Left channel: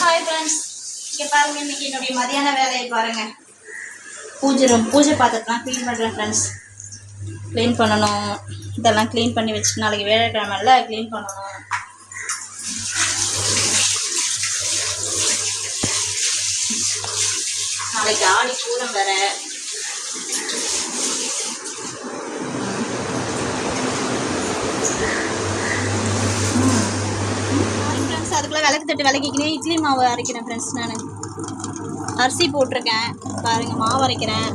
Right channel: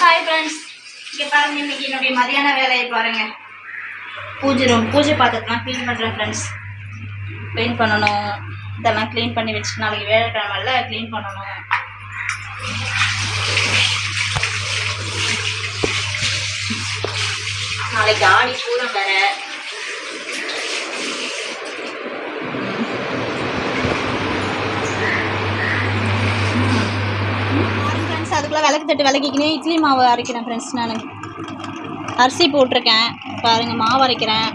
Hi friends, இங்கே பாருங்கள். இன்றைக்கி என்னுடைய மதியான வேலையை பாருங்கள். பூஜை பாத்திரத்தெலாம் க்ளீன் பண்ணுறேன் ஃப்ரெண்ட்ஸ். க்ளீன் பண்ணணும். இதெல்லாம் க்ளீன் பண்ணி வச்சுட்டு நாளைக்கு வேலைக்கிழமைல க்ளீன் பண்ணணும். நாளைக்கு ஆடி பூரம் வேறு. அதுக்குள்ளே விளக்கு தட்டு விளக்கிக்கினே இட்லி மாவு அரைக்கிறேன் ஃப்ரெண்ட்ஸ். நான் அரிசி போட்டிருக்கேன் பாருங்கள், மாவு அரைக்கிறேன்.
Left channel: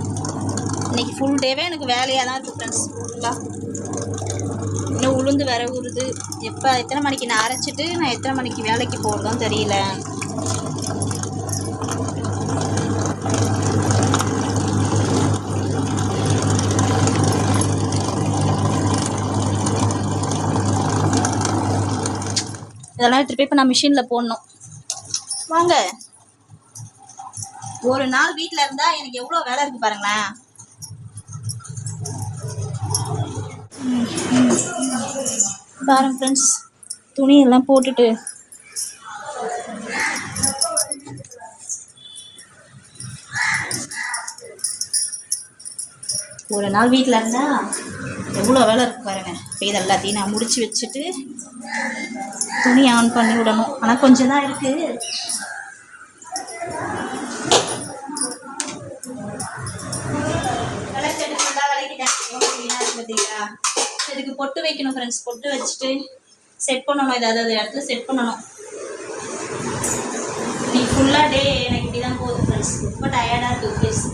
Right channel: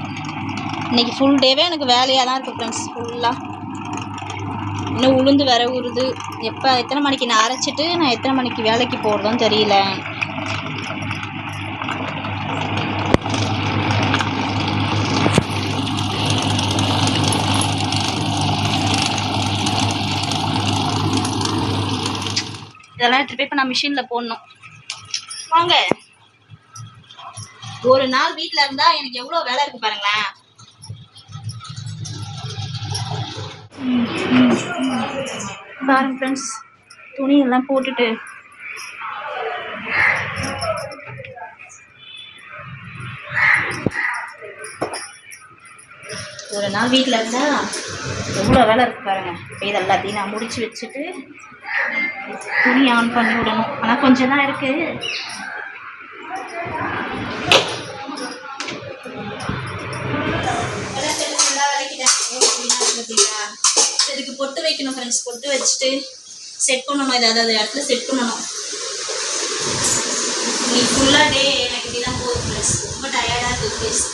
இன்றைக்கி ஃபுல் டேவே எனக்கு வேலையாக தான் இருக்குது ஃப்ரெண்ட்ஸ். ஃபுல்லாக இன்னும் உளுந்து வேற உருது. எத்தனை மணிக்கு நான் அரைச்சிட்டு நான் எத்தனை மணிக்கு வேலைக்கு போகிறதும் தெரியல. இதெல்லாம் எடுத்துகிட்டு போய் இப்போ நான் மிஷினில் போடணும். வாங்க, ஒரு நாள் வீட்டில் இருந்தால் எனக்கு எவ்வளோ வேலை இருக்குது பாருங்களேன். பாருங்க ஃப்ரெண்ட்ஸ், துணியெல்லாம் போட்டுட்டு ஒரு நாள் வீட்டில் இருந்தால் எவ்வளோ வேலை இருக்குது பாருங்கள். இப்போ இது எல்லாத்தையும் நான் முடித்து வச்சுட்டு துணி ஆன் பண்ணி விடணும். ஆனால் கொஞ்சம் தான் இருக்குது. பார்த்தீங்களா, இதுக்கு பொட்டு வைக்கணும் ஃப்ரெண்ட்ஸ். பொட்டு வச்சுட்டு செட் பண்ணணும். ஏதாவது இடத்துல செட் பண்ணணும். நீ ஃபுல்லாக டே எனக்கு இப்படி தான் போகுது ஃப்ரெண்ட்ஸ். ரொம்ப டயர்டாக இருக்குது ஃபேஸ்.